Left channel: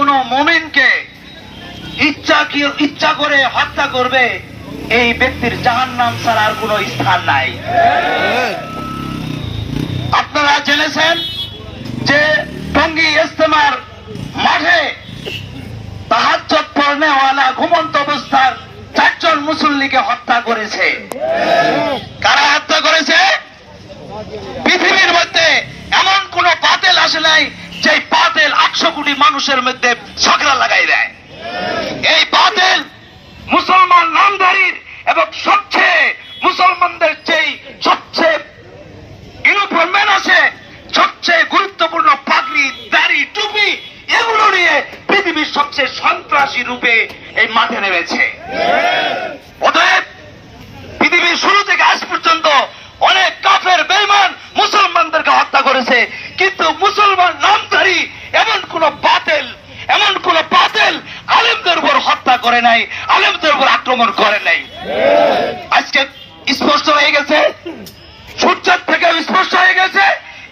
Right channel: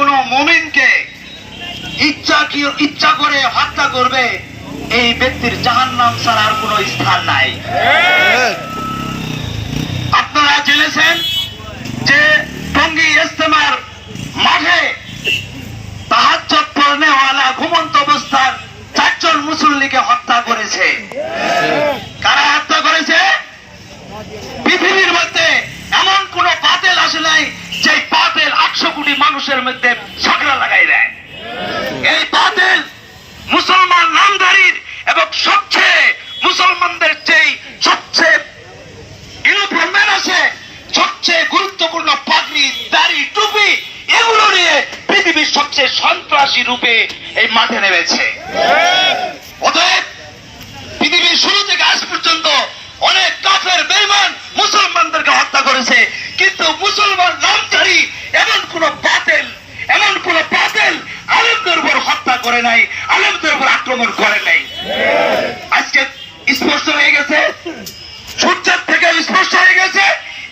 কোনো মুমিনকে ইচ্ছা করে হত্যা করবে, এই ব্যক্তির জাহান্নাম ছাড়া আর কোনো স্থান নাই। আপনারা জেনেছেন যে টঙ্গী ইজতেমার মাঠে তাহাজ্জুদ পড়নেওয়ালা ঘুমন্ত অবস্থার 4 জন মুসল্লিকে হত্যা করেছে। কারা হত্যা করেছে? পৃথিবীর মধ্যে এমন কোন বাতিল আসে নাই যে বাতিল 800 কোটি মানুষের মধ্যে ঝগড়া লাগাই দেয়। এই বাতিল মুসলমান নামধারীর এবং সবচেয়ে মুসলমানদের যেই সবচেয়ে ইউনিফর্মের আছে, সবচেয়ে গুরুত্বপূর্ণ পাগড়ি, দাড়ি, টুপি, এগুলো নিয়ে পৃথিবীর সবচেয়ে সন্ত্রাসী রূপে এই মাঠে নেমেছে। অতএব পৃথিবীর শুরু থেকে আজ পর্যন্ত অনেক কাফের বেঈমান মুসলমানদেরকে হত্যা করেছে, কিন্তু মুসলমান নামধারী এমন কোন বাতিল আলেমদের উপর হত্যা করে নাই, আলেমদের উপর আক্রমণ করে নাই। আজকে স্পষ্ট হয়ে গেছে, সূর্যের থেকে স্পষ্ট হয়ে গেছে,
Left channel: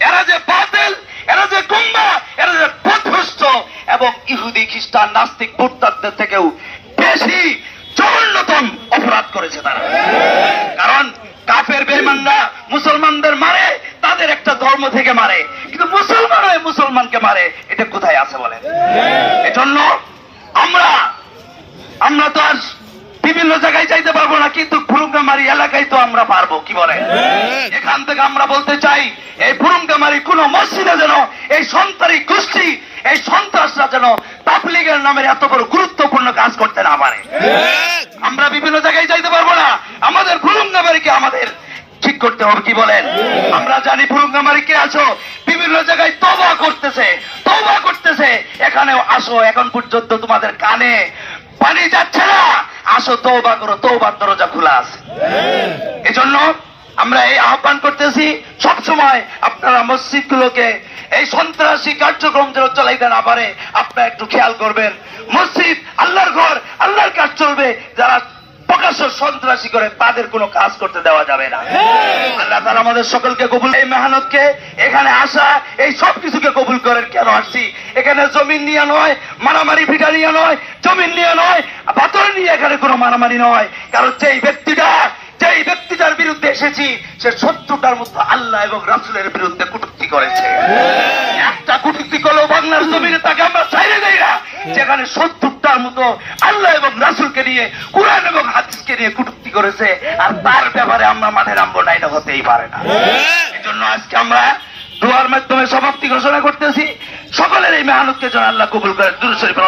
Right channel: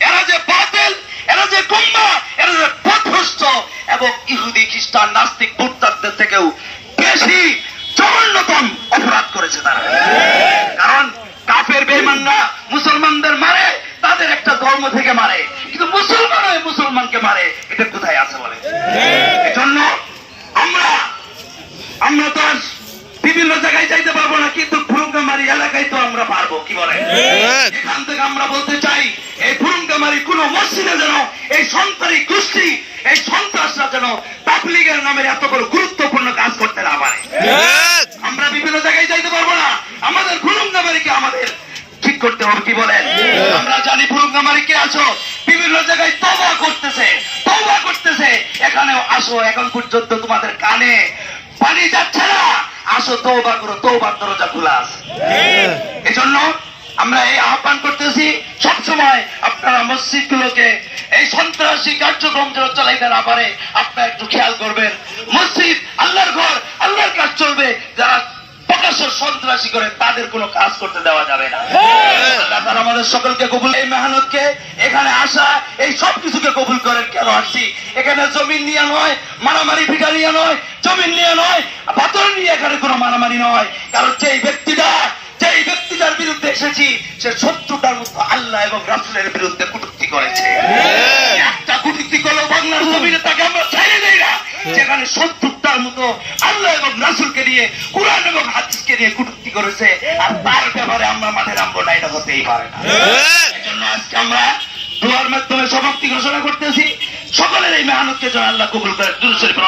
এরা যে বাতিল, এরা যে গুমরা, এরা যে পথভ্রষ্ট এবং ইহুদি, খ্রিস্টান, নাস্তিক, মুরতাদদের থেকেও বেশি জঘন্যতম অপরাধ করেছে তারা। কারণ কাফের বেঈমানরা মুসলমানদের মারে, তাদের একটা ধর্ম থেকে মারে, কিন্তু মুসলমান হয়ে মুসলমানকে মারে, এটা কোথায় আছে বলেন? এজন্য আমরা তো আর বিভিন্ন জায়গায় যাইতে পারবো না, কিন্তু ফুরুঙ্গামারি এলাকায় তো আমরা পারবো। কি বলে? এখান থেকে আমরা বলতে চাই, এই ফুরুঙ্গামারি কোন মসজিদে যেন এই সন্ত্রাসী গোষ্ঠী, এই সন্ত্রাসরা যেন তাবলীগের নামের এত বড় গুরুত্বপূর্ণ কাজ করতে না পারে। আমরা বিভিন্ন জায়গায় যাইতে পারবো না, আমাদের ফুরুঙ্গামারিকে আমাদের ঠিক করতে হবে। কি বলেন? আমরা জানি ফুরুঙ্গামারি কে আছো, বিভিন্ন জায়গায় তওবা করতেছে। এখানেও আসো, এখন পর্যন্ত তোমাদের কানে পানি যাচ্ছে না, আসো তওবা করো, তওবার দরজা খোলা আছে। এজন্য আমরা এই আহ্বান করতেছি, সবসময় আপনারা মসজিদগুলোকে এই সন্ত্রাসী কার্যক্রম যেন চালাইতে না পারে আপনারা একটু খেয়াল করবেন। মসজিদ আল্লাহর ঘর, আল্লাহর কাজ চলবে। যারা প্রকাশ্য সন্ত্রাসী করে তাদের কোনো কাজ করতে দেওয়া যাবে না। আল্লাহ তাআলা আমাদের সকলকে কবুল, এই মেহনতকে, এখানে আসা, এই সব কিছুকে কবুল করেন। কেন আসছি? এখানে জমিন নিয়ে নয়, মারামারি ভিটা নিয়ে নয়, জমিন নিয়ে নয়, পাথর নিয়ে এখানে কোনো মারামারি নয়। কারণ যেই ব্যক্তিটার বিরুদ্ধে এসেছি, সে 70টার মতো আল্লাহ এবং রাসূলের বিরুদ্ধে কটূক্তি করেছে। একটা কটূক্তি করলেও বাংলার জমিনে তাকে আমরা ছাইড়ে দেই না, যেখানে 70টার মতো আল্লাহ এবং রাসূলকে নিয়ে, কুরআন এবং হাদিসকে নিয়ে কটূক্তি করেছে, আর তার ব্যাপারে আমরা মাঠে নামবো না, এটা হতেই পারে না। এজন্য আজকে আমরা দোয়ার মাধ্যমে সমাপ্তি ঘোষণা করতেছি। সকলের এই মেহনতকে যেন আল্লাহ কবুল করেন। দুরূদ শরীফ।